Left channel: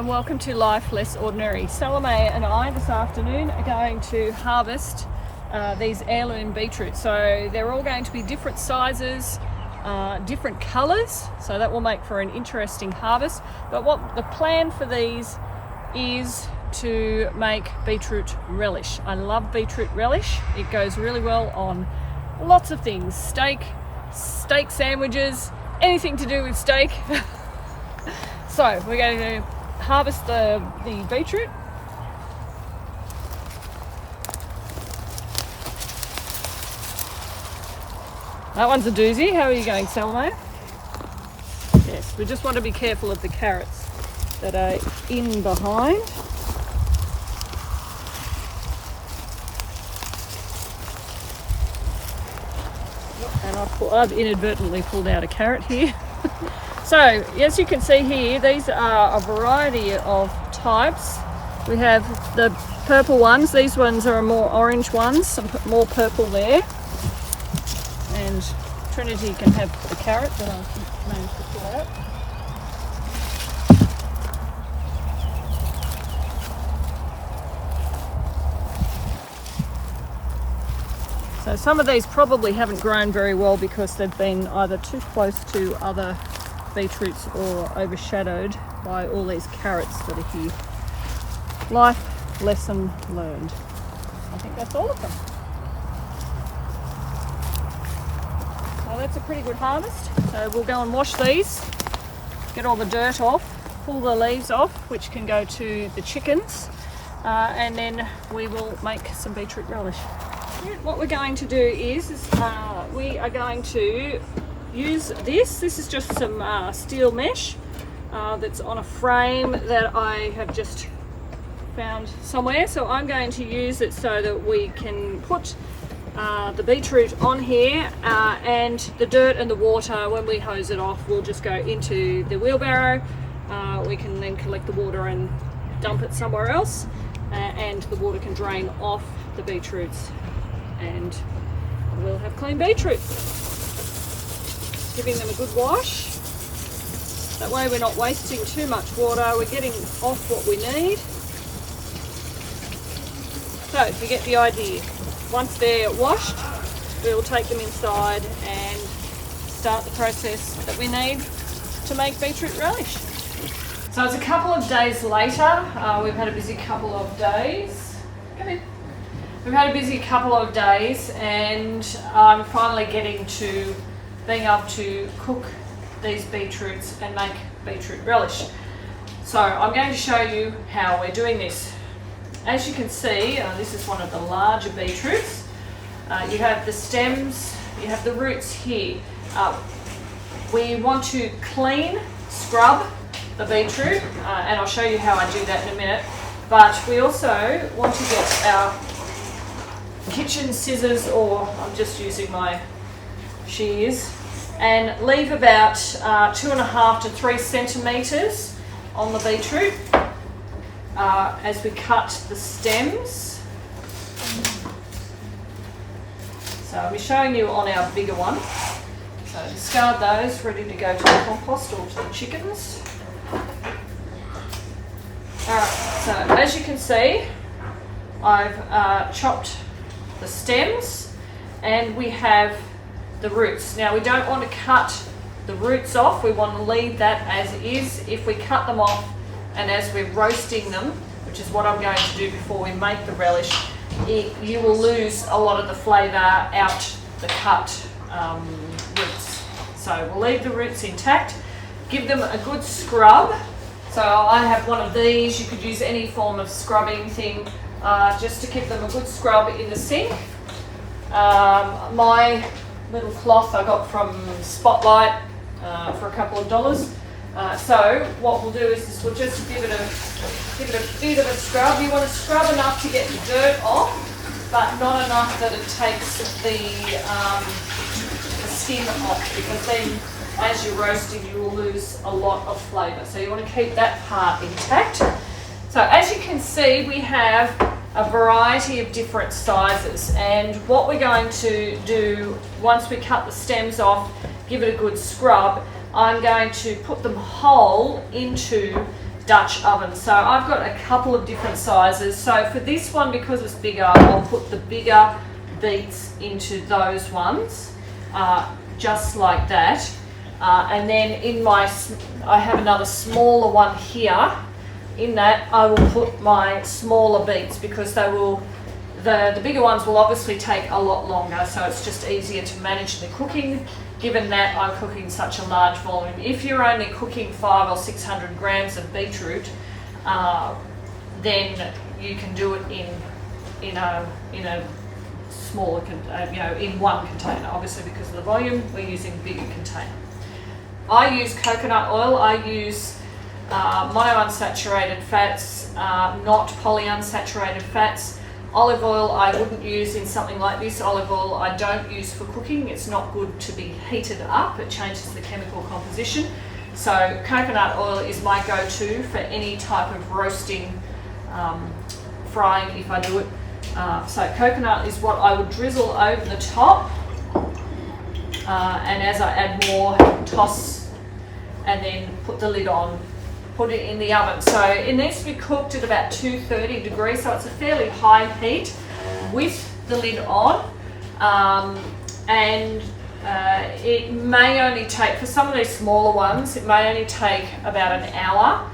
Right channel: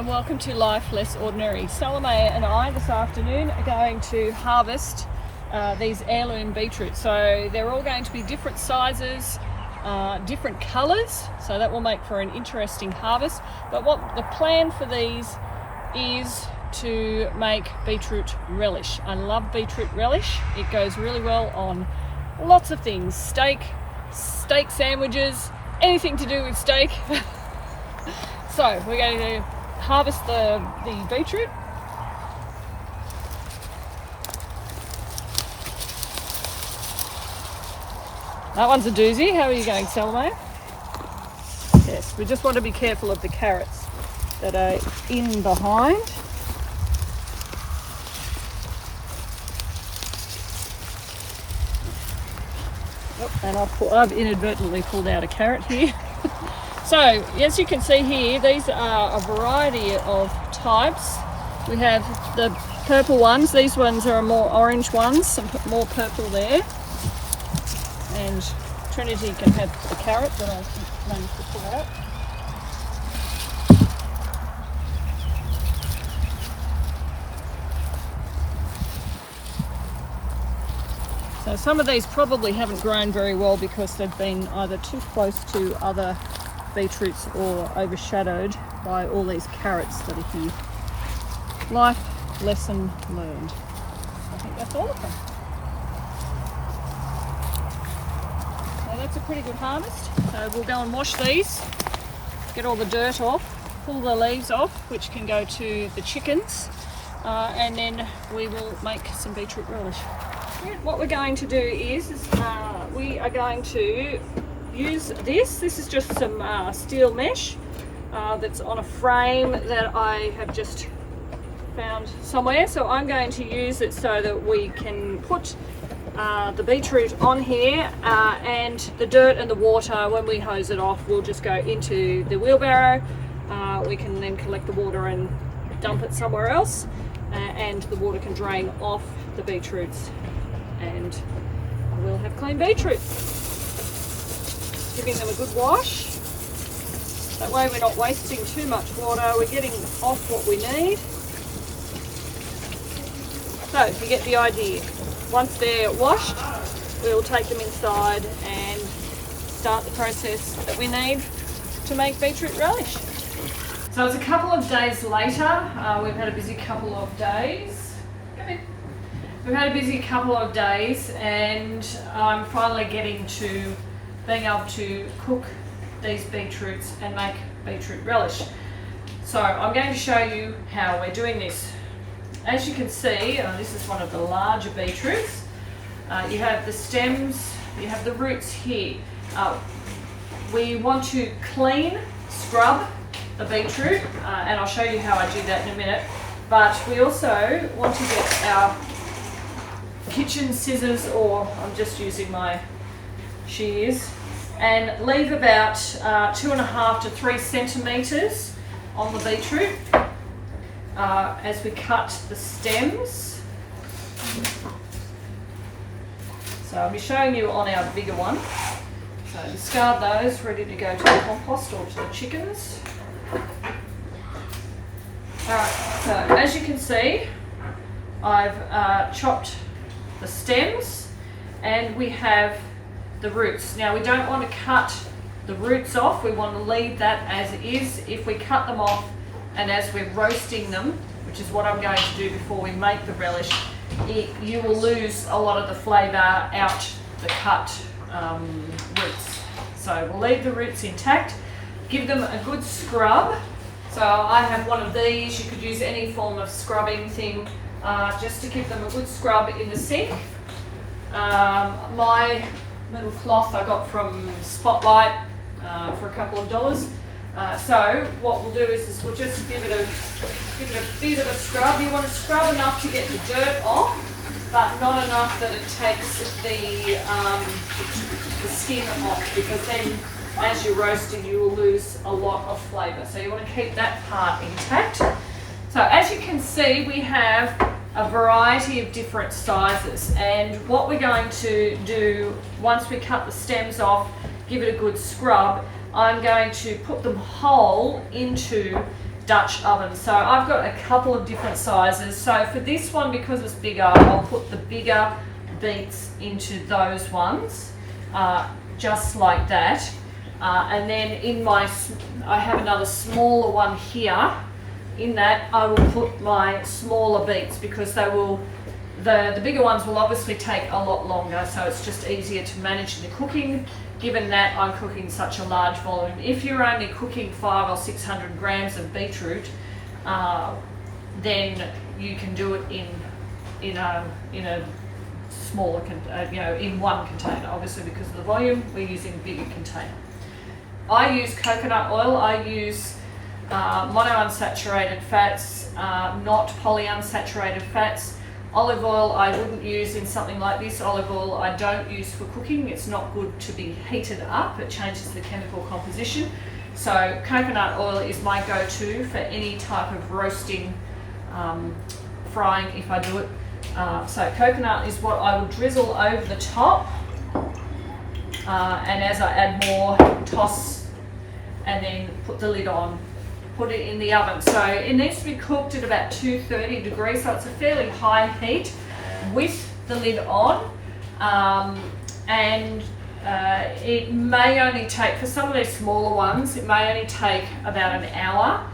and welcome to Life Less Ordinary. Salome and I this afternoon are going to harvest these heirloom beetroots. So they're all going to be different sizes, different colours, so that will make for an interesting harvest. But what the plan for these is to make beetroot relish. I love beetroot relish. It goes really well on lots of things. Steak sandwiches, anything to do with steak. So we're going to harvest the beetroot. That one's a doozy. How are you going, Salome? Yes, we just want to be careful of the carrots that are in behind. And I've inadvertently pulled out a carrot here. So, as you can see here, these are a variety of types. We have the purple ones. These ones are more orange ones, some more purple there. And Trinity can have the carrot that I've managed to pull out. So some of these probably haven't grown very well because they've been either too close to other beetroots or overshadowed by all these carrots that are here. Life lesson learned. I think that's all of them. So that's a pretty good harvest. So we'll go and wash these, get all the dirt off, pull the leaves off, which can go to the chickens, and then we will make some beetroot relish. What we're going to do is we are going to use this is just some steel mesh that's on a frame that I have just found somewhere. So I'm going to use it so that we can put the beetroot on here, and the dirt and the water, when we hose it off, will just go into the wheelbarrow. We can then collect the water and dump it somewhere else, and the water can drain off the beetroots, and we'll have clean beetroots. Giving them a good wash. That way we're not wasting too much water. We're getting off what we need. So you get the idea. Once they're washed, we'll take them inside and start the process that we need to make beetroot relish. So it's a couple of days later. We've had a busy couple of days. Come in. We've had a busy couple of days, and I'm finally getting to being able to cook these beetroots and make beetroot relish. So I'm going to show you how we're doing this. As you can see, this is one of the larger beetroots. You have the stems, you have the roots here. We want to clean, scrub the beetroot, and I'll show you how I do that in a minute. But we also want to get our kitchen scissors, or I'm just using my shears, and leave about 2.5 to 3 centimetres on the beetroot as we cut the stems. So I'll be showing you on our bigger one. So discard those, ready to go to the compost or to the chickens. Alright, so as you can see, I've chopped the stems, and we have the roots. Now we don't want to cut the roots off, we want to leave that as is. If we cut them off and as we're roasting them, which is what I'm going to do before we make the relish, you will lose a lot of the flavour out the cut roots. So we'll leave the roots intact, give them a good scrub. So I have one of these. You could use any form of scrubbing thing, just to give them a good scrub in the sink. My little cloth I got from Spotlight for a couple of dollars. So what we'll do is we'll just give it a bit of a scrub. You want to scrub enough to get the dirt off, but not enough that it takes the skin off, because then as you're roasting you will lose a lot of flavour. So you want to keep that part intact. So as you can see, we have a variety of different sizes, and what we're going to do once we cut the stems off, give it a good scrub, I'm going to put them whole into Dutch oven. So I've got a couple of different sizes. So for this one, because it's bigger, I'll put the bigger beets into those ones, just like that. And then in I have another smaller one here. In that, I will put my smaller beets, because they will, the bigger ones will obviously take a lot longer, so it's just easier to manage the cooking, given that I'm cooking such a large volume. If you're only cooking 500 or 600 grams of beetroot, then you can do it in a smaller, in one container. Obviously, because of the volume, we're using a bigger container. I use coconut oil. I use monounsaturated fats, not polyunsaturated fats. Olive oil I wouldn't use in something like this. Olive oil I don't use for cooking. It's not good to be heated up. It changes the chemical composition. So coconut oil is my go-to for any type of roasting, frying if I do it. So coconut is what I would drizzle over the top, and as I add more, toss and then put the lid on. Put it in the oven. So it needs to be cooked at about 230 degrees, so it's a fairly high heat with the lid on. It may only take, for some of these smaller ones, it may only take about an hour,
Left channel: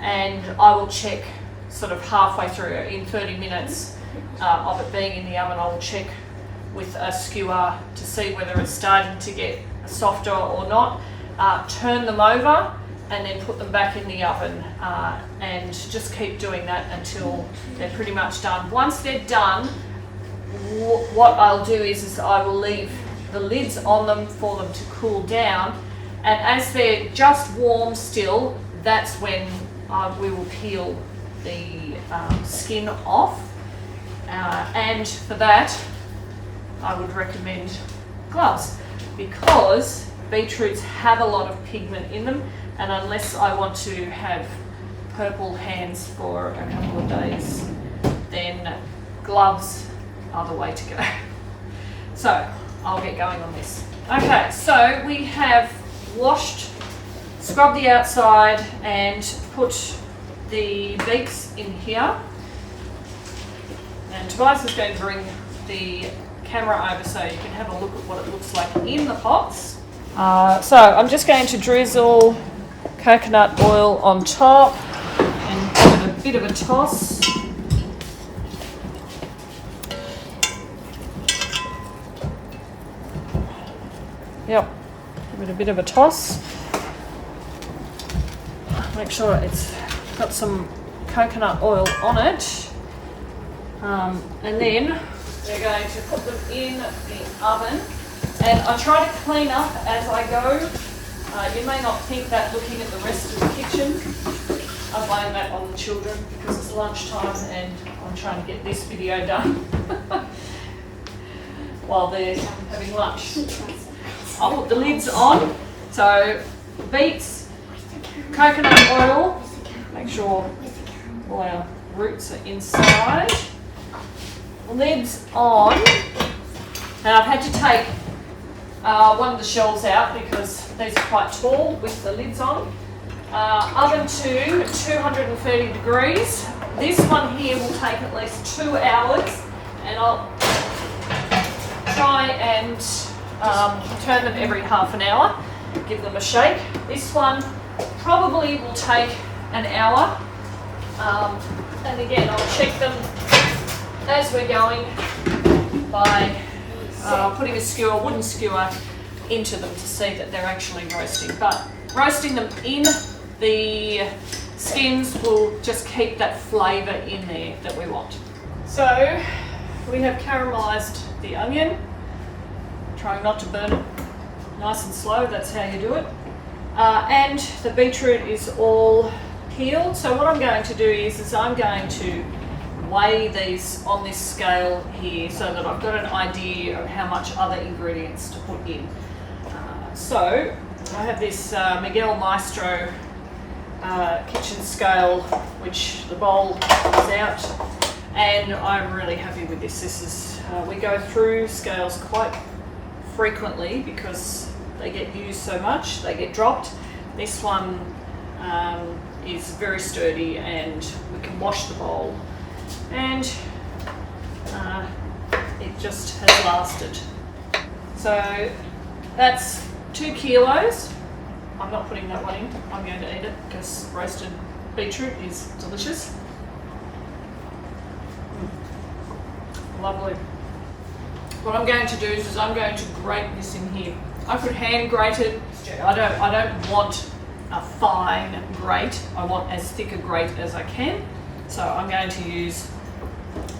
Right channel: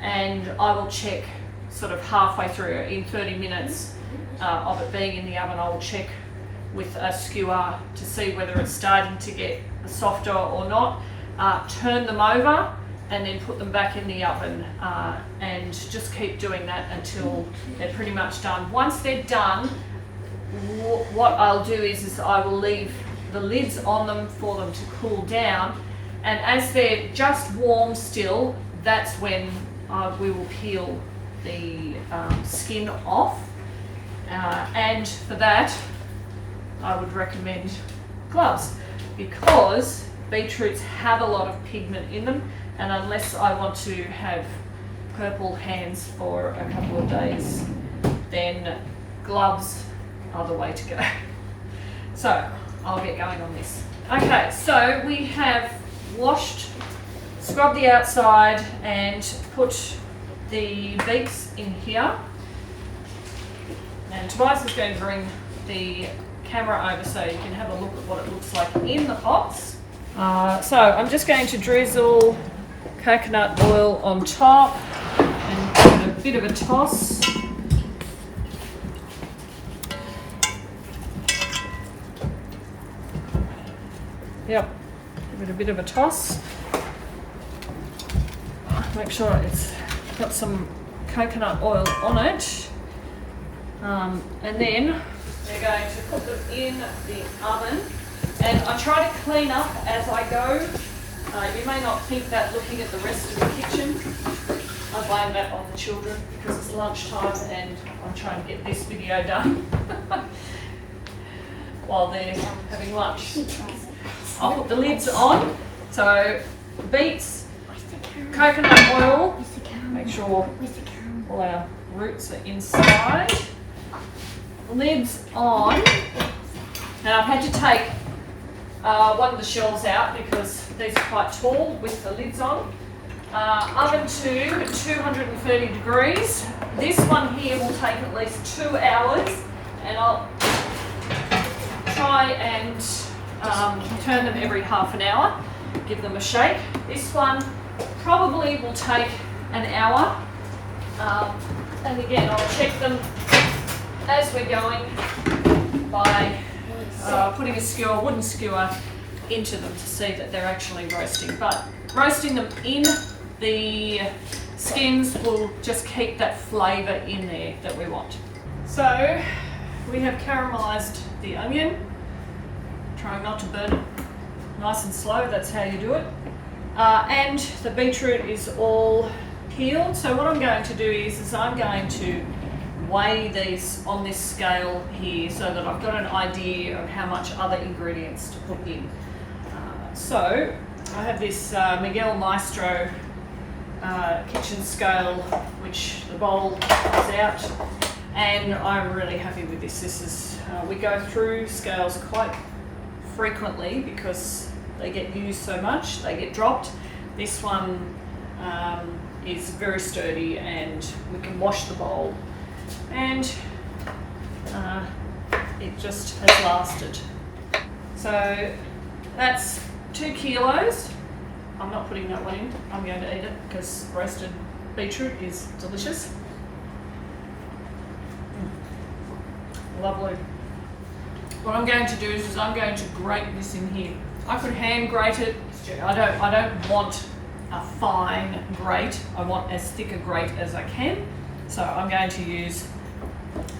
and I will check sort of halfway through, in 30 minutes of it being in the oven. I will check with a skewer to see whether it's starting to get softer or not. Turn them over and then put them back in the oven, and just keep doing that until they're pretty much done. Once they're done, what I'll do is I will leave the lids on them for them to cool down, and as they're just warm still, that's when we will peel the skin off, and for that I would recommend gloves, because beetroots have a lot of pigment in them, and unless I want to have purple hands for a couple of days, then gloves are the way to go. So I'll get going on this. Okay, so we have washed, scrubbed the outside and put the beets in here. And Tobias is going to bring the camera over so you can have a look at what it looks like in the pots. So I'm just going to drizzle coconut oil on top and give it a bit of a toss. Yep, give it a bit of a toss. Make sure it's got some coconut oil on it. And then we're going to put them in the oven. And I try to clean up as I go. You may not think that looking at the rest of the kitchen. I blame that on the children because it's lunchtime and I'm trying to get this video done while they're having lunch. I'll put the lids on. So beets, coconut oil, make sure all our roots are inside. Lids on. And I've had to take one of the shelves out because these are quite tall with the lids on. Oven to 230 degrees. This one here will take at least 2 hours, and I'll try and turn them every half an hour, give them a shake. This one probably will take an hour, and again I'll check them as we're going by putting a skewer, wooden skewer, into them to see that they're actually roasting. But roasting them in the skins will just keep that flavour in there that we want. So we have caramelised the onion, trying not to burn it nice and slow, that's how you do it. And the beetroot is all peeled. So what I'm going to do is I'm going to weigh these on this scale here so that I've got an idea of how much other ingredients to put in. So I have this Miguel Maestro kitchen scale, which the bowl is out, and I'm really happy with this. This is we go through scales quite frequently because they get used so much, they get dropped. This one is very sturdy, and we can wash the bowl, and it just has lasted. So that's 2 kilos. I'm not putting that one in, I'm going to eat it because roasted beetroot is delicious. Lovely. What I'm going to do is I'm going to grate this in here. I could hand grate it. I don't want a fine grate. I want as thick a grate as I can. So I'm going to use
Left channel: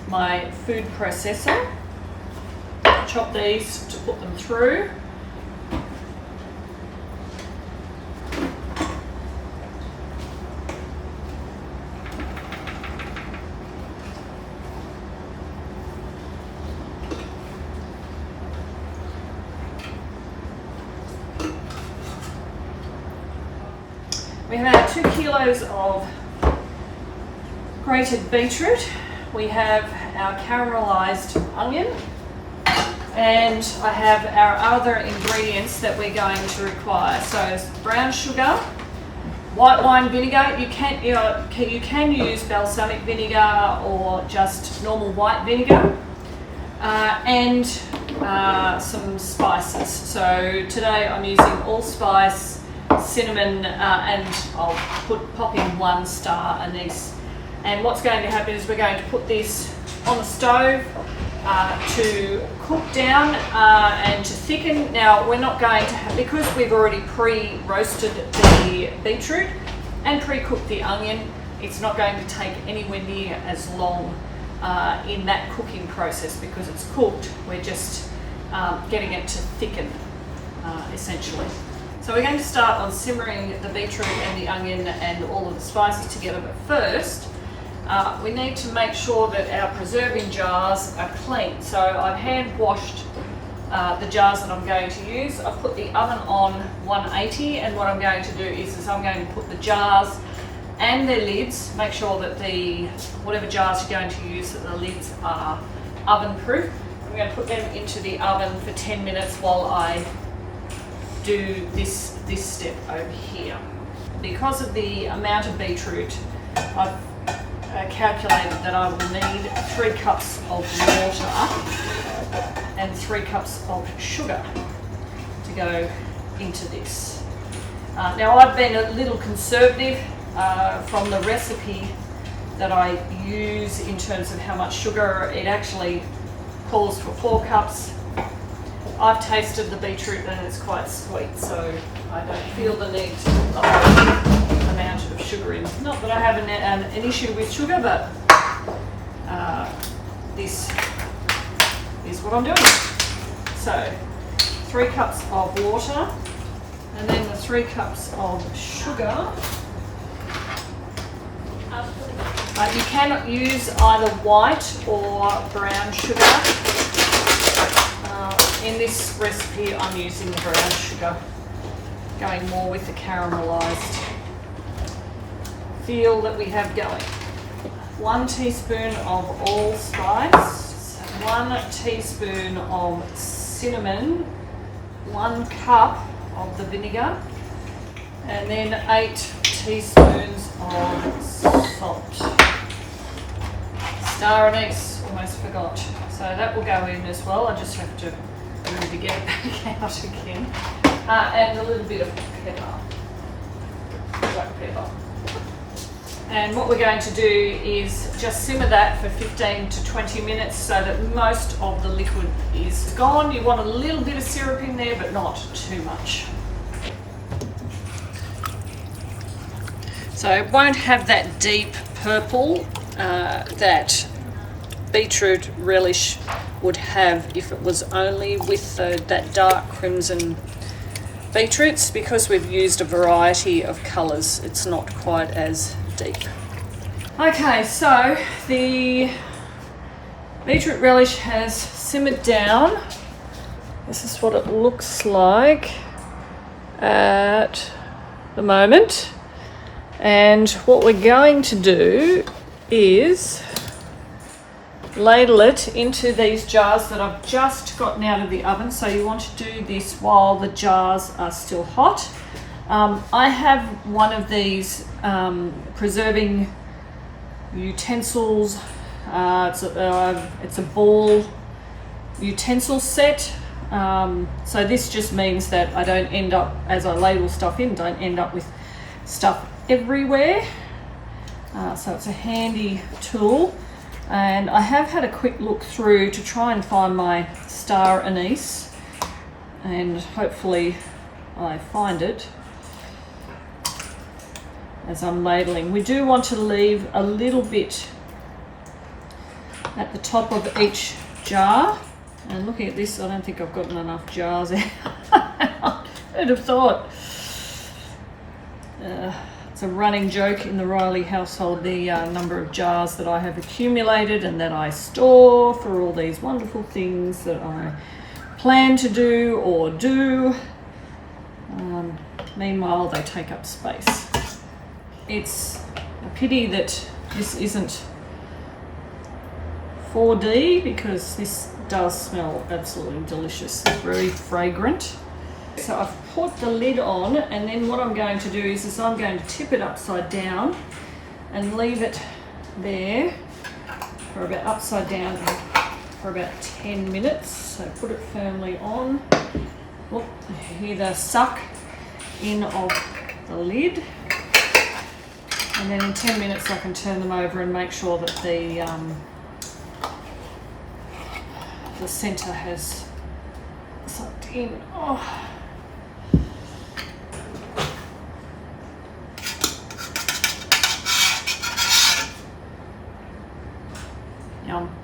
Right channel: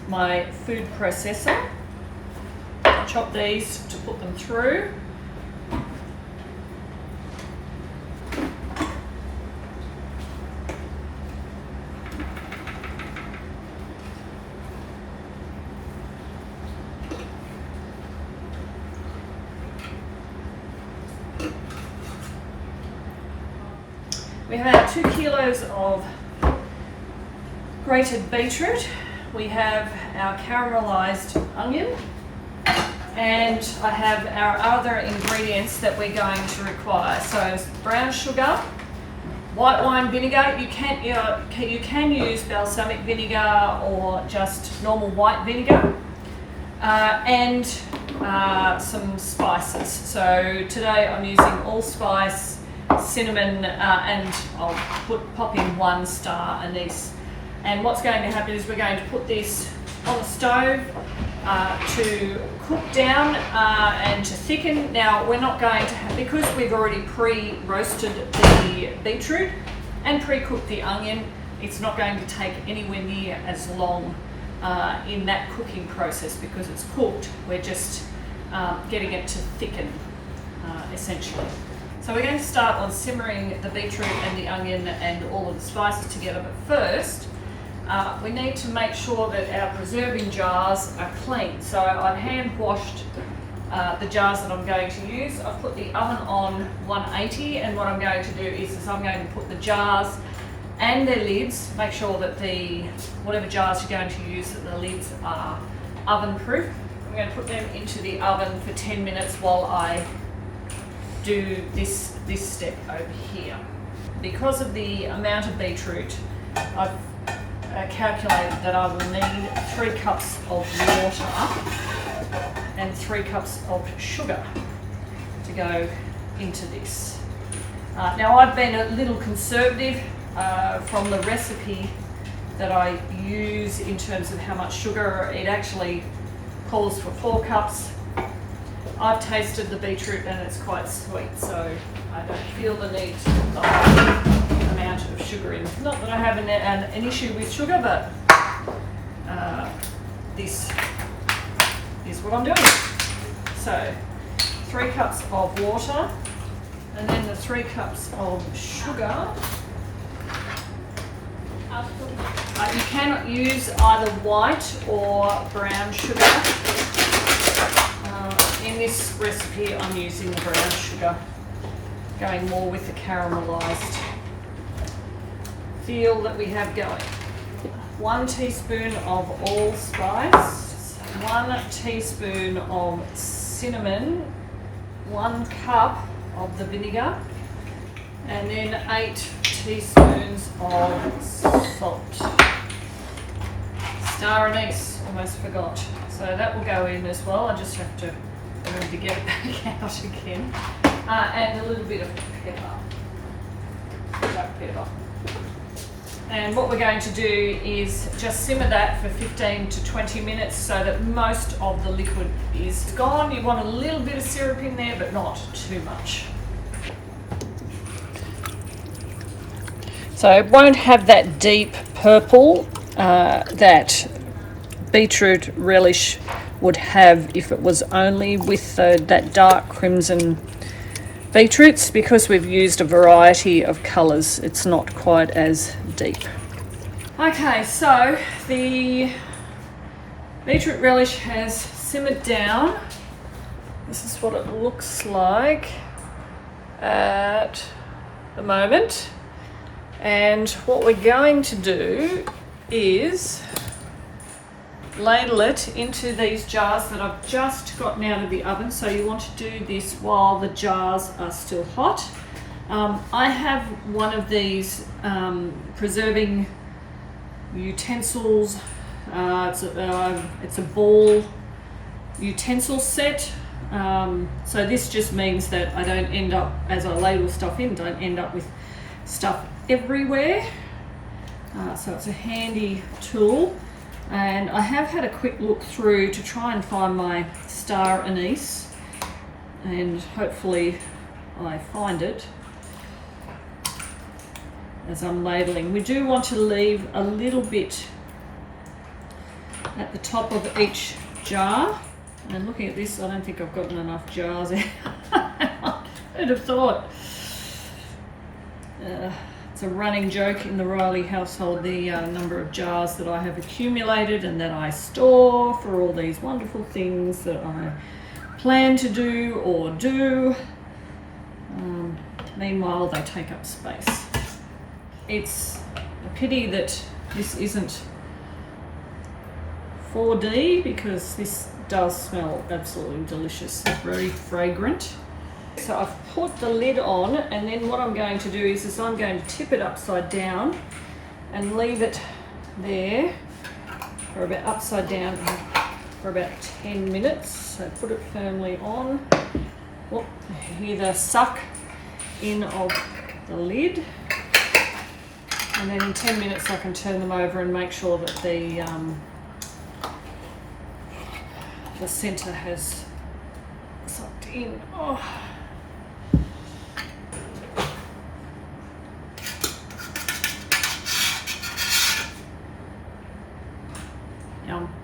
my food processor. Chop these to put them through. We have our 2 kilos of grated beetroot. We have our caramelized onion, and I have our other ingredients that we're going to require. So brown sugar, white wine vinegar. You can use balsamic vinegar or just normal white vinegar, and some spices. So today I'm using allspice, cinnamon, and I'll pop in 1 star anise. And what's going to happen is we're going to put this on the stove to cook down and to thicken. Now we're not going to have, because we've already pre-roasted the beetroot and pre-cooked the onion, it's not going to take anywhere near as long in that cooking process because it's cooked. We're just getting it to thicken essentially. So we're going to start on simmering the beetroot and the onion and all of the spices together, but first we need to make sure that our preserving jars are clean. So I've hand washed the jars that I'm going to use. I've put the oven on 180, and what I'm going to do is I'm going to put the jars and their lids, make sure that whatever jars you're going to use, that the lids are oven proof. I'm going to put them into the oven for 10 minutes while I do this step over here. Because of the amount of beetroot, I've calculated that I will need 3 cups of water and 3 cups of sugar to go into this. Now I've been a little conservative from the recipe that I use in terms of how much sugar. It actually calls for 4 cups. I've tasted the beetroot and it's quite sweet, so I don't feel the need to put the whole amount of sugar in. Not that I have an issue with sugar, but this is what I'm doing. So 3 cups of water, and then the 3 cups of sugar. You cannot use either white or brown sugar. In this recipe I'm using the brown sugar, going more with the caramelized feel that we have going. 1 teaspoon of allspice, 1 teaspoon of cinnamon, 1 cup of the vinegar, and then 8 teaspoons of salt. Star anise, almost forgot. So that will go in as well. I just have to remember to get it back out again. And a little bit of pepper, black pepper. And what we're going to do is just simmer that for 15 to 20 minutes so that most of the liquid is gone. You want a little bit of syrup in there, but not too much. So it won't have that deep purple that beetroot relish would have if it was only with that dark crimson beetroots. Because we've used a variety of colours, it's not quite as deep. Okay, so the beetroot relish has simmered down. This is what it looks like at the moment. And what we're going to do is ladle it into these jars that I've just gotten out of the oven. So you want to do this while the jars are still hot. I have one of these preserving utensils. It's a ball utensil set. So this just means that I don't end up, as I ladle stuff in, don't end up with stuff everywhere. So it's a handy tool. And I have had a quick look through to try and find my star anise, and hopefully I find it as I'm ladling. We do want to leave a little bit at the top of each jar. And looking at this, I don't think I've gotten enough jars there. Who'd have thought? It's a running joke in the Reilly household, the number of jars that I have accumulated and that I store for all these wonderful things that I plan to do or do. Meanwhile, they take up space. It's a pity that this isn't 4D, because this does smell absolutely delicious. It's very fragrant. So I've put the lid on, and then what I'm going to do is I'm going to tip it upside down and leave it there for about upside down for about 10 minutes. So put it firmly on. Oh, hear the suck in of the lid. And then in 10 minutes I can turn them over and make sure that the center has sucked in. Oh. Yum.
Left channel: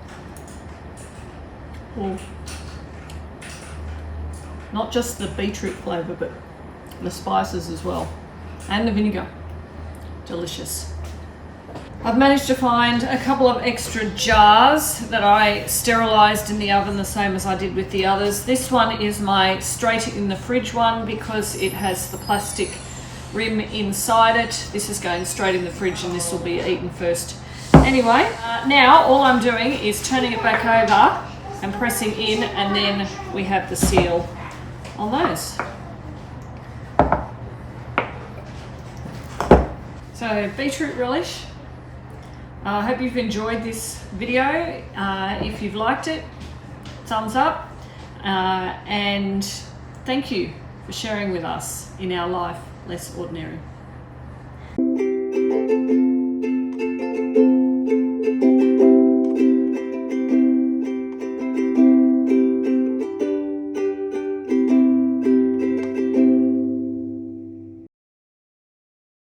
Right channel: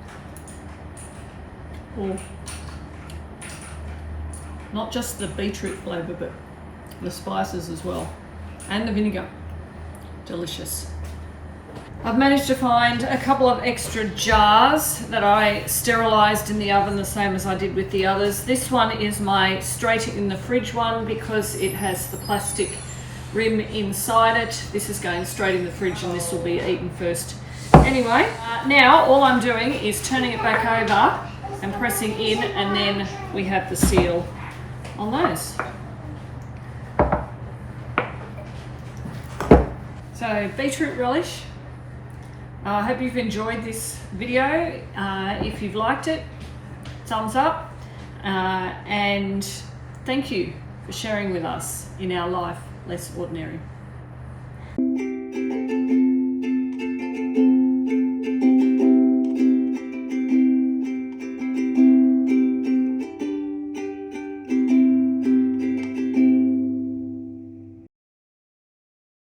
Ooh. Not just the beetroot flavour, but the spices as well, and the vinegar. Delicious. I've managed to find a couple of extra jars that I sterilised in the oven the same as I did with the others. This one is my straight in the fridge one because it has the plastic rim inside it. This is going straight in the fridge, and this will be eaten first. Anyway, now all I'm doing is turning it back over and pressing in, and then we have the seal on those. So beetroot relish. I hope you've enjoyed this video. If you've liked it, thumbs up, and thank you for sharing with us in our life less ordinary.